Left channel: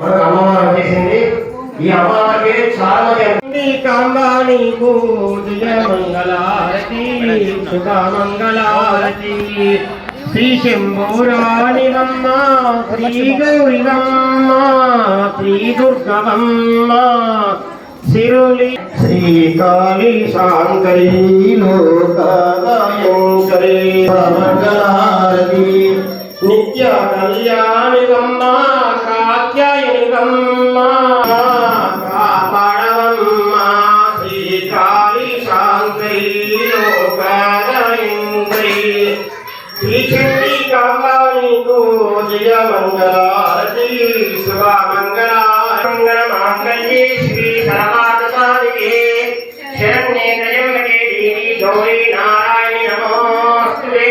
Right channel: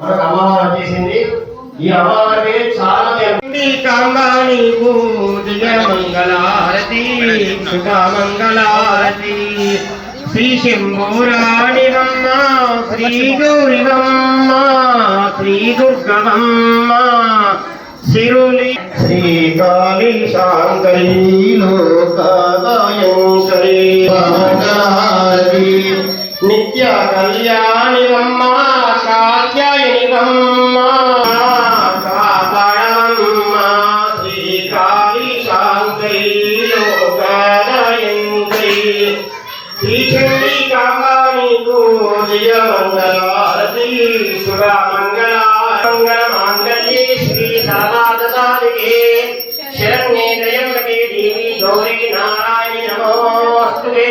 మనకు అమ్మవారు వచ్చేసింది. ఈ అమ్మవారికి చాలా మంది కాంబాని పూజ మంగళారతి శుభ మంగళారతి శ్రీ శ్రీ గౌరివమ్మ శ్రీ దుర్గవమ్మ సిరులి శ్రీకాళీ శాంకరీ మంగళారతి. నిత్య కళ్యాణివమ్మ కాత్యాయనివమ్మ దేవి గౌరీ నారాయణి నమోస్తుతే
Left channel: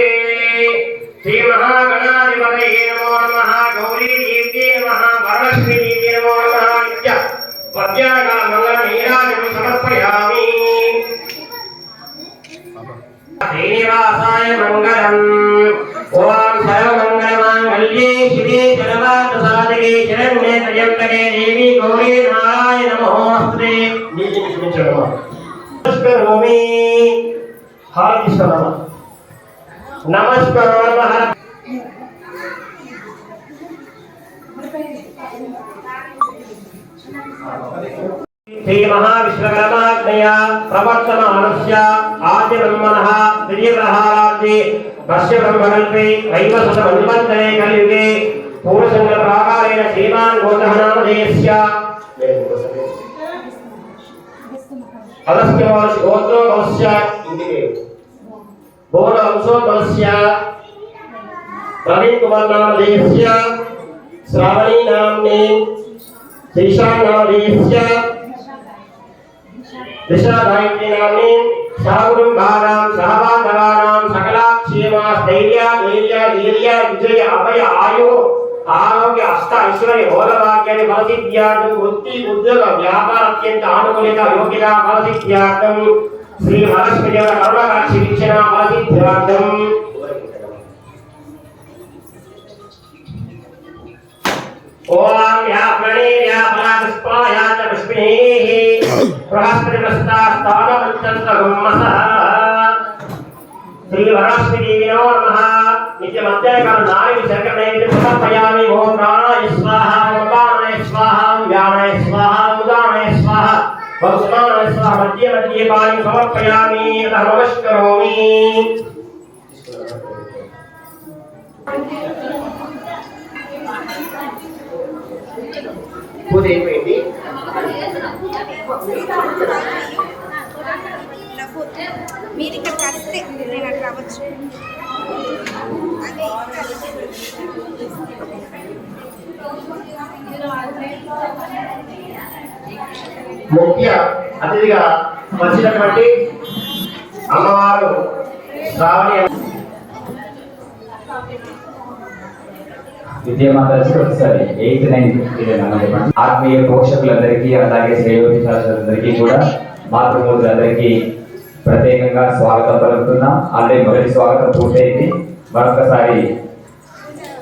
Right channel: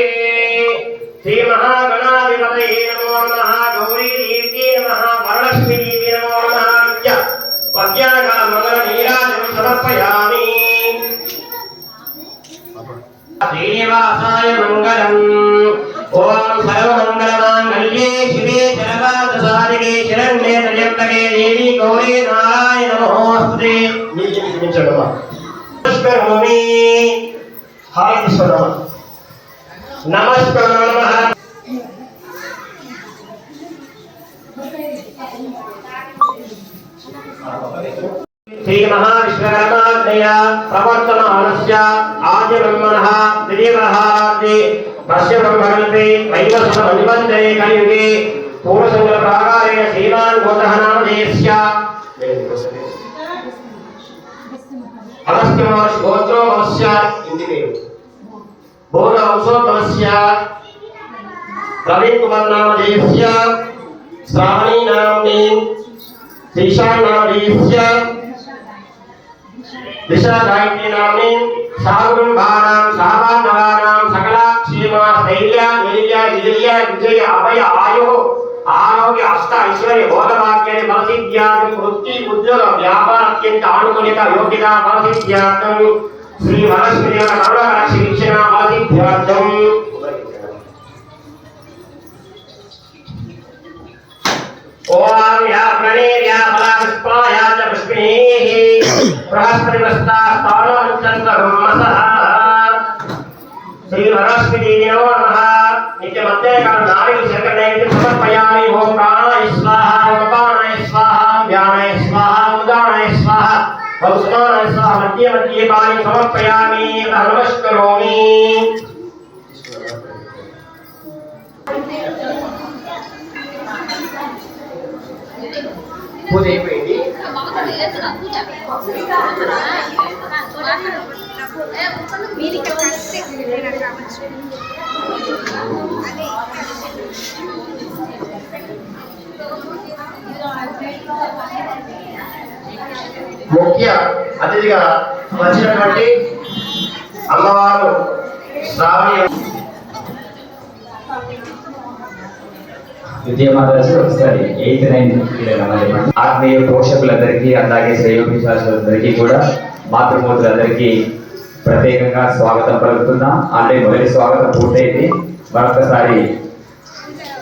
శ్రీ మహాగణాధిపతయే నమో నమః గౌరీ దేవ్యే నమః వరలక్ష్మీ దేవి నమో నమః నిత్య పద్యాగ మంగళ నీరాజం సమర్పయామి శ్రీనివాసాయ మంగళం ఓం సర్వమంగళమాంగళ్యే శివే సర్వార్థసాధికే శరణ్యే త్రయంబకే దేవి గౌరీ నారాయణ నమోస్తుతే नमः नमस्कार। नमः श्री महाविश्वकर्माज्ञया प्रवर्तमानस्य आद्यब्रह्मणः दिलीप्रहाराब्दे तस्य ब्रह्मकल्पे वैवस्वतमन्वन्तरे कलियुगे पूर्वसङ्गप्राकारेण श्रीमान् घोषः नामधेयस्य अगस्त्यमहर्षि गोत्रो अवस्य इन्दिरेव పేరు బోధ వంశోద్భవస్య ప్రవీణ్ కుమార్ నామధేయస్య శ్రావణీ నామ్ని శ్రీశాన్ నామధేయస్య दिशादायिनी नाम्नी सागुरंभानां सहबान्धवानां सकलाक्षेमा स्थैर्य धैर्य विजय विजय अभय आयु आरोग्य अष्ट ऐश्वर्य भोगभाग्यानि फलसिद्ध्यार्थं वृत्ति उद्योग व्यापार अत्यंत आनुकूल्यता योग्यता फलसिद्ध्यार्थं श्री महालक्ष्मीदेव करुणकटाक्षि స్థానముచ్చంతమస శ్రీ వరస్మితి నమో నమః నిత్య మధ్యకర నాలుగు శంకరనైతి సమర్పయామి ఓం ప్రాణాయ స్వాహ వకానాయ స్వాహ వ్యానాయ స్వాహ ఉదానాయ స్వాహ భౌస్మానాయ స్వాహ మధ్య మధ్య పూజ అయిపోయింది. మీరు ఇక్కడ కలిస్తే నేను కావచ్చు. ముఖ్య అతిథిగా వచ్చినటువంటి అమ్మవారు శ్రావణి విజయమాతాజీ ఒకసారి ఎయిత్ నైన్త్ ఆత్మీయ పోషకులందరికీ అలాగే శ్రేయోభిలాషులందరికీ కూడా మాతృమూర్తులందరికీ ప్రత్యేకంగా స్వాగతం పలుకుతున్నా. ఆల్రెడీ మొదటి స్వాగతం పూర్తయింది. మరొకసారి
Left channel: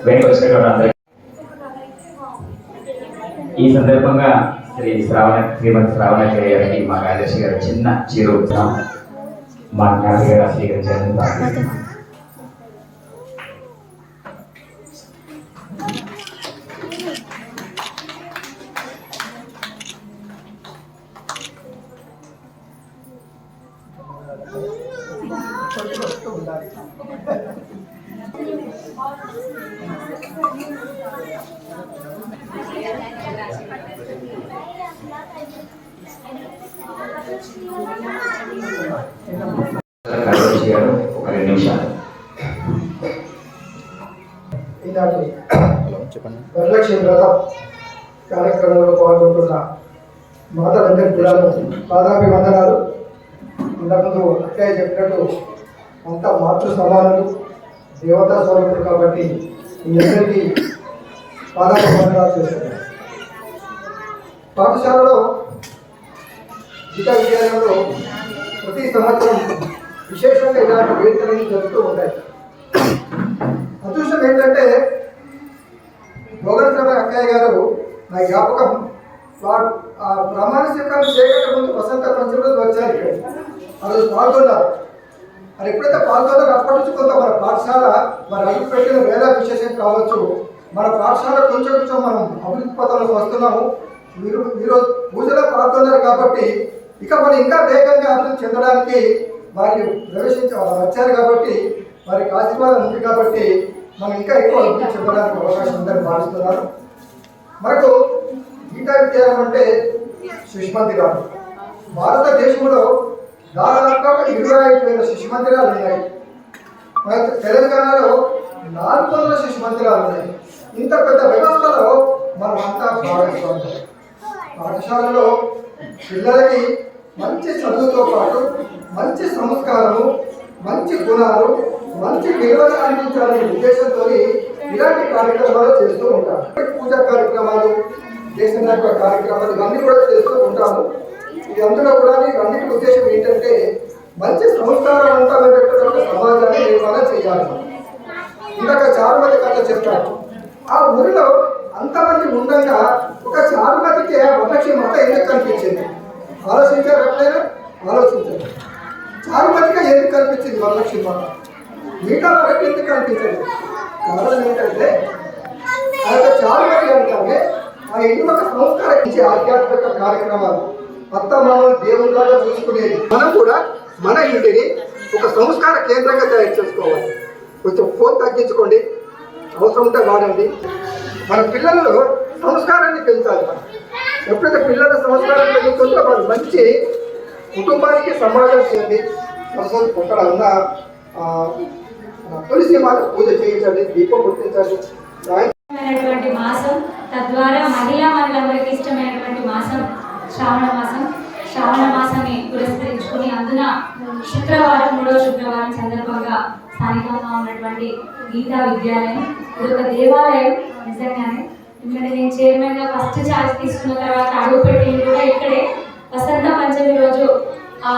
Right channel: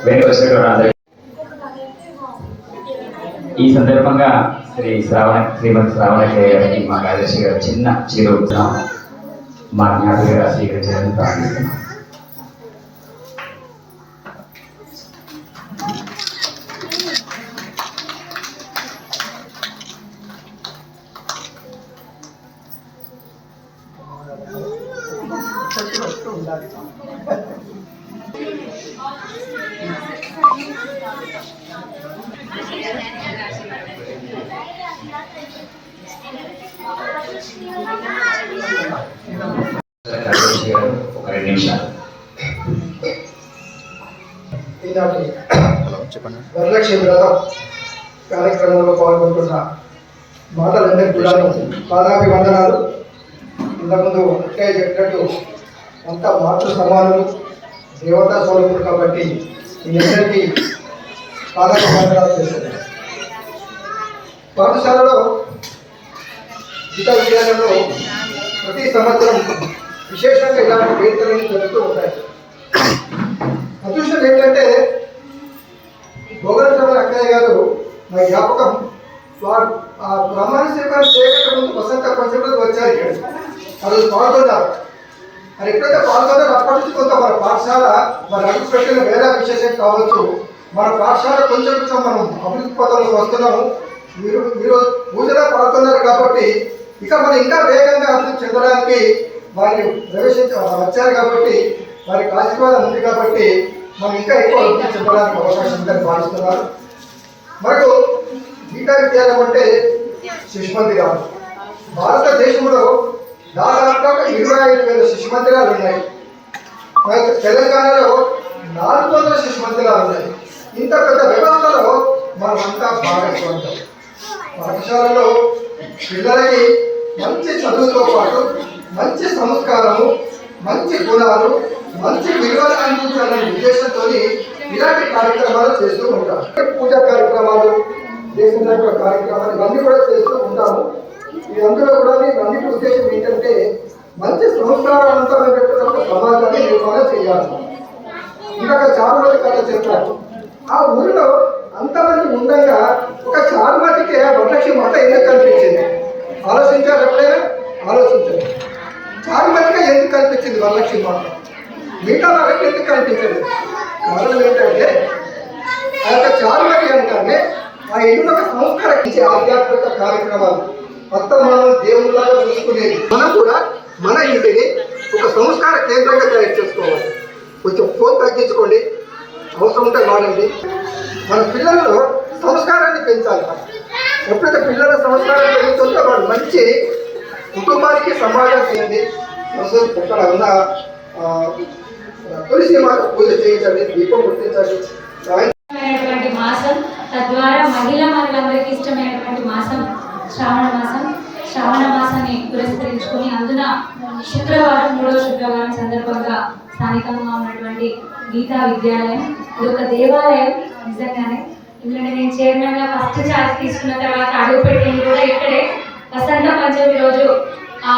వెంకటేశ్వర అందరికీ ఈ సందర్భంగా శ్రీ శ్రావణ శ్రీమతి శ్రావణ గారికి మా కార్యదర్శి గారు చిన్న చిరు మా జ్ఞాపికగా స్వీకరించాలని ప్రార్థిస్తున్నాం. కార్యదర్శి వరలక్ష్మి వ్రతం కార్యక్రమంలో పాల్గొంటున్న మాతలందరికీ కూడా పాదాభి వందనాలు. ఇంతకుముందు అక్కయ్య చెప్పినట్టు అంత మాతృ సమానము దేవతా స్వరూపుడు కాబట్టి మీ పాఠశాలలో గీతా విద్యాలయంలో ప్రతి సంవత్సరం విశేషంగా ఇలాంటి వేదికలు జరుగుతూ ఉంటాయి. అదృష్టం ఏంటంటే భోగరచమైన అక్కయ్య గారు నా జ్ఞాపకం వారు ఆ బ్రహ్మాండ స్వీకారం చేయక ముందు వసంత పంచమృతి వచ్చారు ఇక్కడ వాళ్ళు పాల్గొన్నారు. మరి అప్పటి నుంచి కొంత మన పాఠశాల మరి అడుగు పెట్టిన వేద విశేషం కావచ్చు. మన పాఠశాల కొంచెం కొంచెం మనం అభివృద్ధి పదంలో వస్తున్నాము. మీరు మీరు పూజలో పాల్గొన్నారు కాబట్టి ఇక మనం ఇంకా వేగంగా అభివృద్ధి చెందడానికి వారి ప్రవేశించ వచ్చారు కాబట్టి వారికి ఆశీర్వాదం ఉంది కాబట్టి మనం ఇంకా ఎక్కువ అభివృద్ధి చెందడానికి అవకాశం ఉందని భావిస్తున్నారు మరియు గీతా విద్యాలయం అంటే శిశుమంతి గారు భారతదేశంలో దాదాపుగా ఇరవై ఐదు వేల శిశు మందిరాలు ఉన్నాయి తెలంగాణలో నాలుగు వందల శిశు మందిరాలు ఉన్నాయి. ఇంత పెద్ద వ్యవస్థలో మనమంతా భాగస్వామ్యం పాఠశాలలో పిల్లలకి మంచి చదువుతో పాటు మంచి సంస్కారము మంచి గుణాలు మంచి విలువలు అందించాలనే ఉద్దేశంతో ఇలాంటి కార్యక్రమాలు చేస్తూ ఉంటాం. పూజా కార్యక్రమాలు దేశంలో యొక్క కార్యక్రమాలు ఇవన్నీ కూడా చేస్తూ ఉంటాము. ఇదంతా అందులో కూడా అన్నిటి ఉద్దేశం ఏంటంటే మంచి సంస్కారవంతమైనటువంటి సమాజాన్ని నిర్మాణం చేయాలి. ఇంకొక చారుమతి కథ చెప్తారు ఆ ఊరిలో అంతమంది ఉండగా ఒక చారుమతికి ఆ వరలక్ష్మి మాట ఎందుకు కనిపించింది? ఆలోచించారు ఎప్పుడైనా? ఆలోచించారు చారుమతిగా ఎందుకు కనిపించింది వరలక్ష్మి మాట మిగతా వాళ్ళకి ఎందుకు కనిపించదు కారణం ఏంటంటే ఆ యొక్క చారుమతి అంటే ఆ ఇల్లు సంస్కారం ఇచ్చే ఆధ్యాత్మిక కార్యక్రమాలు. మొత్తం మనం దేవుళ్ళగా చూసుకునేది. మనం కూడా మన ఇంటిని ఒక సంస్కార కేంద్రంగా తయారు చేసుకోవాలి. కొంచెం ఫోన్ తగ్గించుకోండి. అవసరం ఉంటే వాడండి. మన పిల్లలలో సంస్కారాన్ని పెంచాలి. ఎప్పుడైతే పిల్లల సంస్కారం పెరుగుతుందో వాడు మంచి కుటుంబానికి సమాజం చేయండి అసలు ఇక్కడ ఉన్న తులసి మాత పూజ చేయించండి దీపం గుర్తించండి. మాసం తద్వారా మహిళా మనులందరికీ ఇష్టమైనటువంటి మాసం. శ్రావణ మాసం. శ్రావణ మాసాన్ని పురస్కరించుకుని అందున శుక్రవారం మూడవ శుక్రవారం సందర్భంగా స్థానికంగా ఉన్నటువంటి గీతా విద్యాలయం ఇది ఒక దేవాలయం నిజంగానే. ఎందుకంటే నేను చైర్మన్గా ఫస్ట్ ఛార్జ్ తీసుకున్న తర్వాత అడుగుపెట్టింది కూడా ఇక్కడే. వసంత పంచమి రోజు ఆ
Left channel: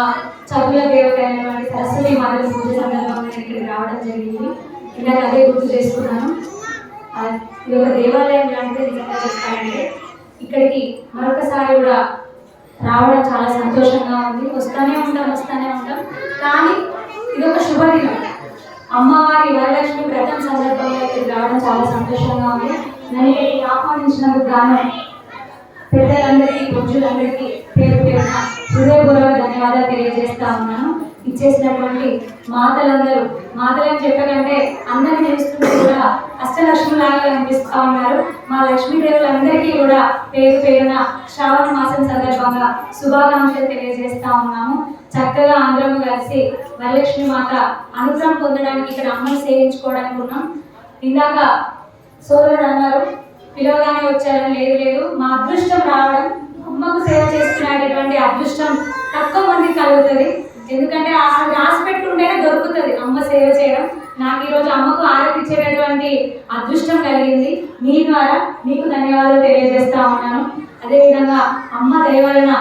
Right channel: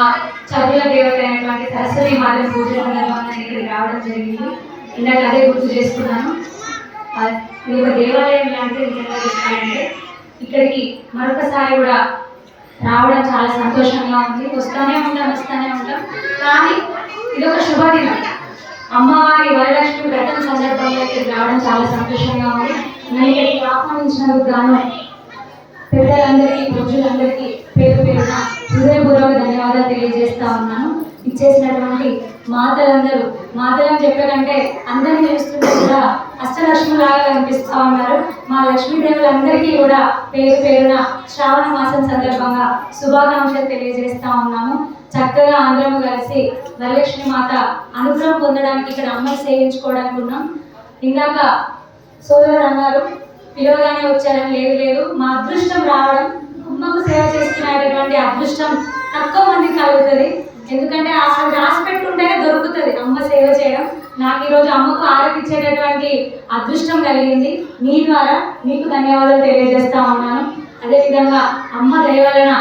చదువుల దేవత అయినటువంటి సరస్వతి మాతను పూజ సందర్భంగా ఇక్కడికి రావడం జరిగింది. ఇందాక అదే గుర్తు చేసుకున్నాను. ఇది ఒక దేవాలయం లాంటిది నిజంగా చెప్పాలంటే. ఇక్కడికి మరొకసారి కూడా రావడం చాలా సంతోషంగా ఉంది. వస్తానే ఉంటాం వస్తూనే ఉంటాం. కానీ ఇది ఒక శుభదినం. అమ్మవారి వరలక్ష్మి వ్రతం సందర్భంగా ఇక్కడికి రావడం చాలా సంతోషంగా ఉంది. నన్ను ఇక్కడికి ఆహ్వానించినందుకు గాను పెద్దలందరికీ పురుషులందరికీ పేరు పేరున హృదయపూర్వక ధన్యవాదాలు తెలియజేస్తా ఉన్నాను. ఇచ్చేసినటువంటి మాతలందరూ మాతలని చెప్పకంటే అందరిని చూస్తుంటే కూడా అష్టలక్ష్మిలాగా కనిపిస్తూ ఉన్నారు. మా లక్ష్మీదేవులందరికీ కూడా పేరు పేరున శ్రావణ మాసం సందర్భంగా శుభాకాంక్షలు తెలియజేస్తా ఉన్నాము. చక్కగా అందరం కలిసి వరలక్ష్మి మాత అనుగ్రహం పొందడానికి ఇక్కడ అమ్మని సేవించుకోవడానికి ఉన్నాం. ఇందాక సోదరుడు అన్నారు పిలవగానే వచ్చారని లేదు లేదు మా అదృష్టం రావడం అమ్మకు సేవ చేసుకునేటటువంటి అదృష్టం తక్కువ మందికి కలుగుతుంది. ఎందుకంటే ఆ రాసి పెట్టుంటేనే దొరుకుతుంది అమ్మ సేవ చేయడం. నాకు ఈరోజు అమ్మకు ఆరతిచ్చేటటువంటి అదృష్టం కలిగింది. మీ ద్వారా మీకు ధన్యవాదాలు తెలియజేస్తా ఉన్నాను. అదేవిధంగా అమ్మ దయ వలన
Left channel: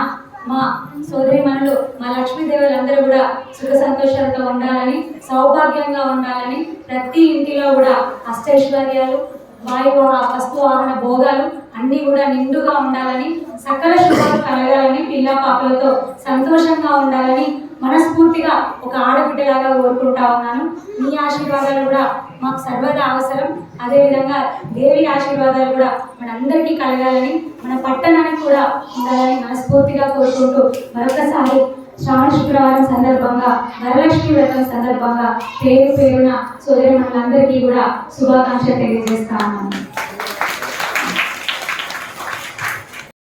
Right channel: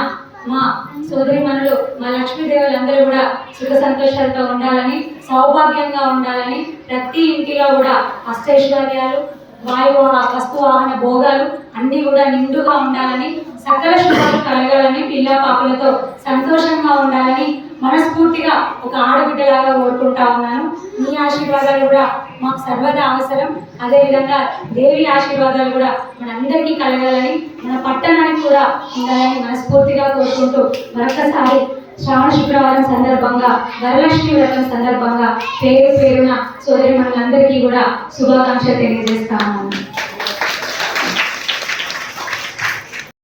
మా సోదరి మనులు మా లక్ష్మీదేవులందరూ కూడా సుఖ సంతోషాలతో ఉండాలని సౌభాగ్యంగా ఉండాలని ప్రతి ఇంటిలో కూడా అష్టైశ్వర్యాలు వాయు వస్తు వాహన భోగాలు అన్నీ కూడా నిండుగా ఉండాలని సకల శుభాలు కలగాలని పిల్ల పాపలతో సంతోషంగా ఉండాలని మనస్ఫూర్తిగా ఒక ఆడబిడ్డలాగా కోరుకుంటా ఉన్నాను. మీ ఆశీర్వాదాలు కూడా మాకు సర్వదా అవసరం. అదేవిధంగా దేవి ఆశీర్వాదాలు కూడా మనందరికీ కలగాలని మన పట్టణానికి కూడా ఉండాలని మనస్ఫూర్తిగా కోరుకుంటూ మరొకసారి శ్రావణ శుక్రవారం సందర్భంగా వరలక్ష్మి వ్రతం సందర్భంగా పేరు పేరున సోదరి మనందరికీ కూడా శుభాకాంక్షలు తెలియజేస్తా